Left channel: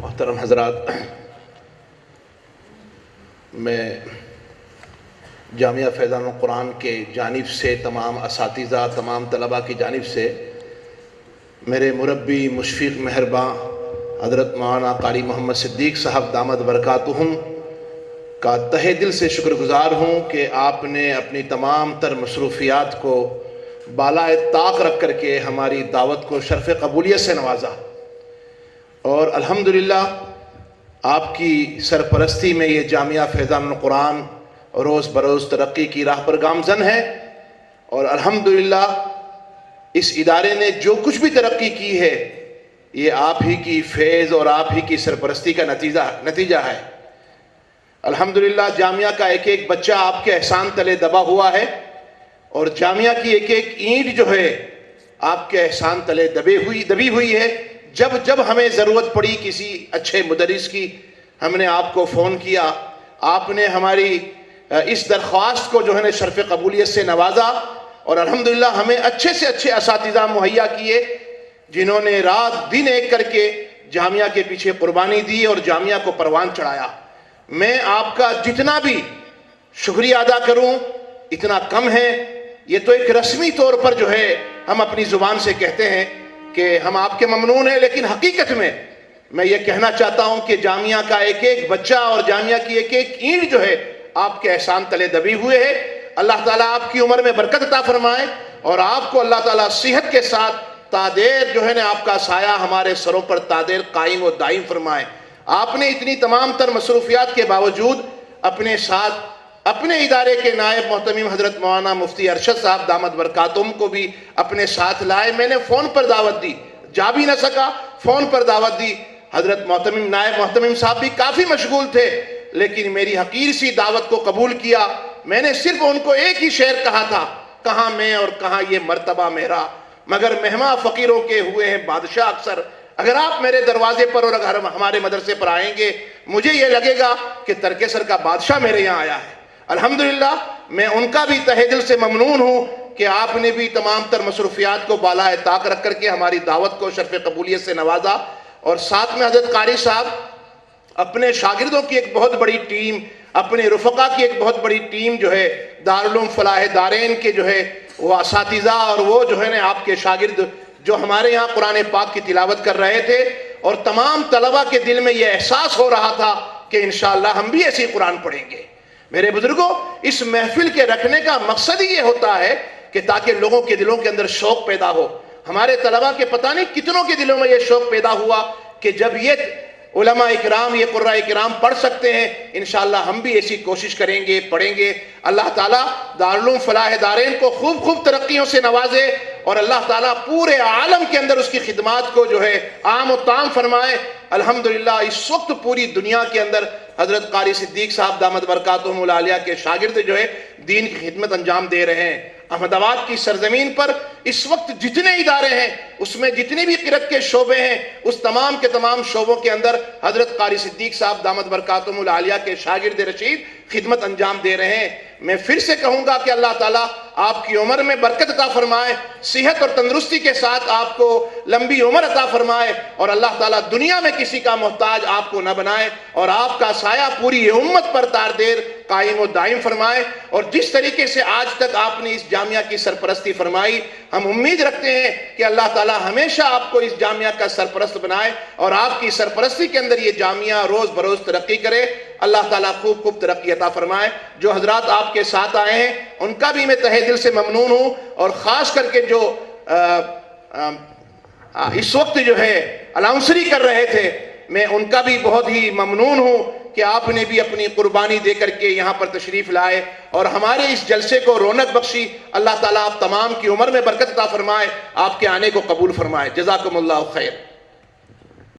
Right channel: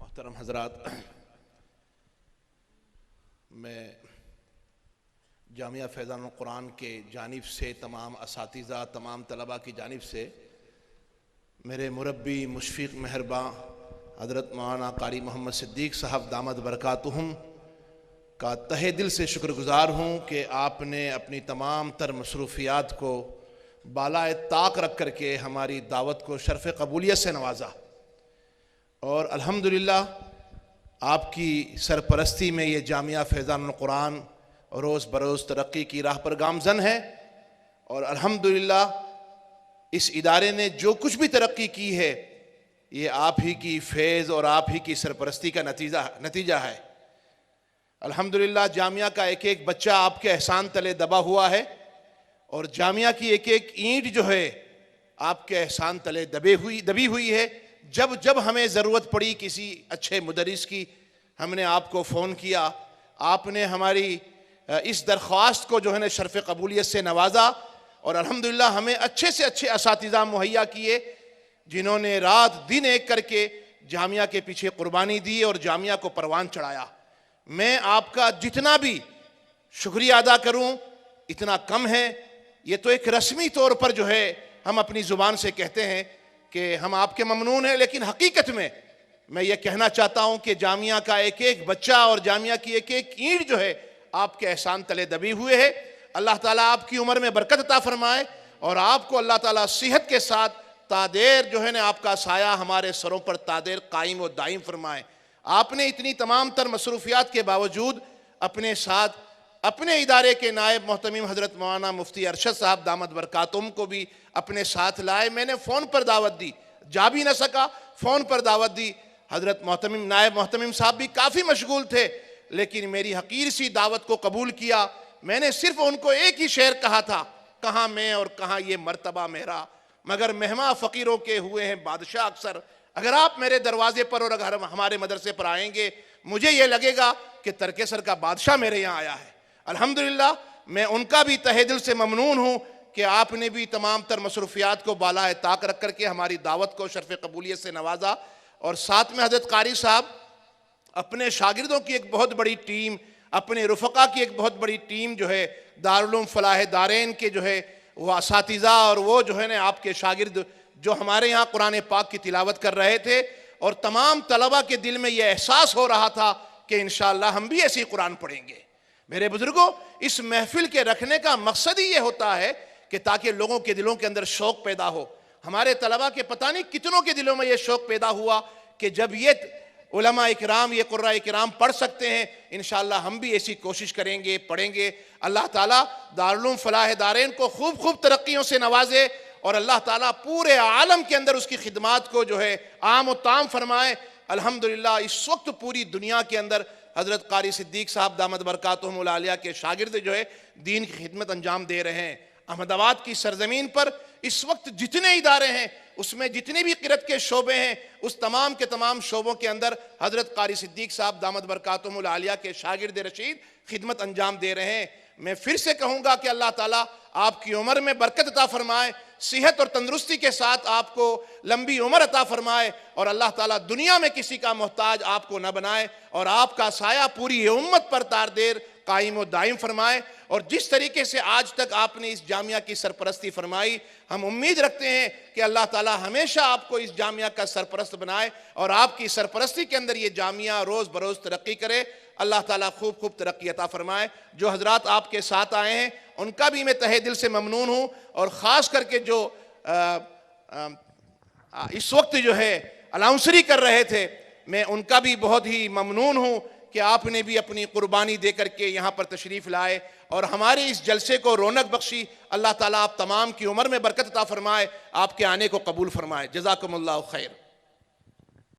मोहतरम हज़रात, मैं जामिया फैज़ानुल कुरान के जानिब से तमाम असातिज़ा, तमाम तलबा की जानिब से मेरे मुरब्बी मुशफ़िक़ मेहरबां हज़रत मौलाना क़ारी मोहम्मद सिद्दीक़ साहब दामद बरकातुहुम का तहे दिल से शुक्रगुज़ार हूँ कि आपने अपनी तमाम तर मसरूफ़ियात को बालाए ताक़ रख कर के हमारी दावत को शर्फ़ क़बूलियत से नवाजा और अल्हम्दुलिल्लाह आपकी सरपरस्ती में ये जामिया फैज़ानुल कुरान रोज़ बरोज़ तरक्की की राह पर गामज़न है। और अल्हम्दुलिल्लाह इस इदारे ने जो कुछ भी तरक्की की है ये आप ही की फैज़ और आप ही की सरपरस्ती का नतीजा है। अल्हम्दुलिल्लाह जामिया का एक एक बच्चा आपके एहसान तले दबा हुआ है और जामिया की एक एक ईंट जो है आपके एहसान तले दबी हुई है। जब जब हमें ज़रूरत पड़ी किसी अच्छे मुदरिस की, हमने आपको फ़ोन किया, आपने हमारी इस दरख्वास्त को जो है ना शर्फ़ क़बूलियत से नवाजा और अल्हम्दुलिल्लाह हमें अच्छे से अच्छे असातिज़ा मुहैया किए जिन्होंने रात दिन एक करके जामिया के पीछे कुर्बानी दी और जामिया को परवान चढ़ाया। मैं आपका जितना भी शुक्रिया अदा करूं इतना कम है। ये तो एक रस्मी तौर पर जो है हम अपनी ज़ुबान से कहते हैं कि हम आपके ममनून हैं, लेकिन हकीकत में मैं ये कहना चाहता हूं कि जामिया का एक एक बच्चा और जामिया की एक एक ईंट जो है आपके एहसान तले दबी हुए है। अल्लाह ताला आपकी उम्र में बरकत अता फरमाए और आपको अल्लाह ताला सेहत के साथ तादेर जो है ना आपका साया हमारे सरों पर तादेर कायम और दायम फरमाए। आपने इतनी तमाम तर मसरूफियात के बावजूद अपने साथ अपने इदारे के नायब मोहतमीम हजरत मौलाना मुफ्ती अरशद साहब दामद बरकातुहुम को भी अपने साथ लाए। मैंने फ़ोन पर दावत दी, जा भी न सका, फ़ोन पर दावत दी। हजरत मोहतमीम नायब मोहतमीम साहब भी काफ़ी मशगूल थे, लेकिन मेरी हकीर सी दावत को कबूल किया। मैंने सिर्फ उनको एक ही शेर कहा था, कहाँ मैं और कहाँ ये मर्तबा मेरा, मगर मेहमा फ़कीरों के हुए हैं बादशाह अक्सर। अगर आप मेरे दरवाजे पर और अगर हमारे मदरसे पर आएंगे, मुझे ये लगेगा कि तरकेसर का बादशाह मेरे यहाँ आया है। अल्हम्दुलिल्लाह मैं उनका भी तहे दिल से ममनून हूँ कि आपने भी तमाम तर मसरूफियात को बालाए ताक रख करके हमारी दावत को शर्फ़ क़बूलियत से नवाजा। और साथ में हजरत क़ारी साहब अपने शागिर्दों की एक बहुत बड़ी टीम, अपने रुफ़क़ा की एक बहुत बड़ी टीम जो है दारुल उलूम फ़लाह दारैन के जो है वो असातिज़ा और वो जो है ना आपके शागिर्द जो हमारे यहाँ कुरान पाक की तिलावत कर रहे थे और तमाम तलबा के दिल में ये एहसास हो रहा था कि इंशाअल्लाह हम भी ऐसी कुरान पढ़ेंगे। मेरे बुजुर्गों, इस महफिल के रखने का मकसद ही ये होता है कि ताकि लोगों के दिलों के अंदर शौक पैदा हो। हमारे तलबा के पता नहीं कितनों के दिलों में ये शौक पैदा हुआ कि जब ये उलमा इकराम, ये कुर्रा इकराम पढ़ सकते हैं, इंशाअल्लाह हम भी ऐसी कोशिश करेंगे, पढ़ेंगे। अल्लाह ताला दारुल उलूम फ़लाह दारैन को खूब खूब तरक्कियों से नवाजे और अल्लाह ताला पूरे आलम के अंदर उसकी खिदमात को जो है आम और ताम फरमाए। अल्हम्दुलिल्लाह इस वक्त पूरी दुनिया के अंदर हजरत क़ारी सिद्दीक़ साहब दामद बरकातुहुमुल आलिया के शागिर्द जो है दीन की खिदमत अंजाम दे रहे हैं। अहमदाबाद की सरजमीन पर इस वक्त जितने इदारे हैं, उसमें जितने भी क़िरत के शोबे हैं, उस तमाम के तमाम शोबों के अंदर हजरत क़ारी सिद्दीक़ साहब दामद बरकातुहुमुल आलिया के शागिर्द रशीद खिदमत अंजाम दे रहे हैं। मैं फिर से कहूंगा कि अल्लाह ताला आपकी उम्र में बरकत अता फरमाए, सेहत और तंदुरुस्ती के साथ आपको लंबी उम्र अता फरमाए और अल्लाह ताला दुनिया में किसी का मोहताज आपको न बनाए और आपका साया पूरी उम्मत पर तारदेर कायम और दायम फरमाए। और जिस तरीके से आज तक आपने इस जामिया की सरपरस्ती फरमाई, हम उम्मीद रखते हैं कि अल्लाह ताला हमेशा आपको इस जामिया का सरपरस्त बनाए और आपकी सरपरस्ती के अंदर ये जामिया रोज़ बरोज़ तरक्की करे। अल्लाह ताला खूब खूब तरक्की अता फरमाए। जो हजरात आपके साथ आए हैं उनका भी मैं तहे दिल से ममनून हूँ और ख़ास करके जो इस वक्त जो है अनाउंसरी कर रहे थे, मैं उनका भी बहुत ही ममनून हूँ कि आपने भी अपनी कुर्बानी दे करके यहाँ पर तशरीफ़ लाए और हमारे इस जलसे को रौनक बख्शी। अल्लाह ताला आप तमाम की उम्र में बरकत अता फरमाए, आपके आने को कबूल फरमाए। जज़ाकुमुल्लाहु खैर।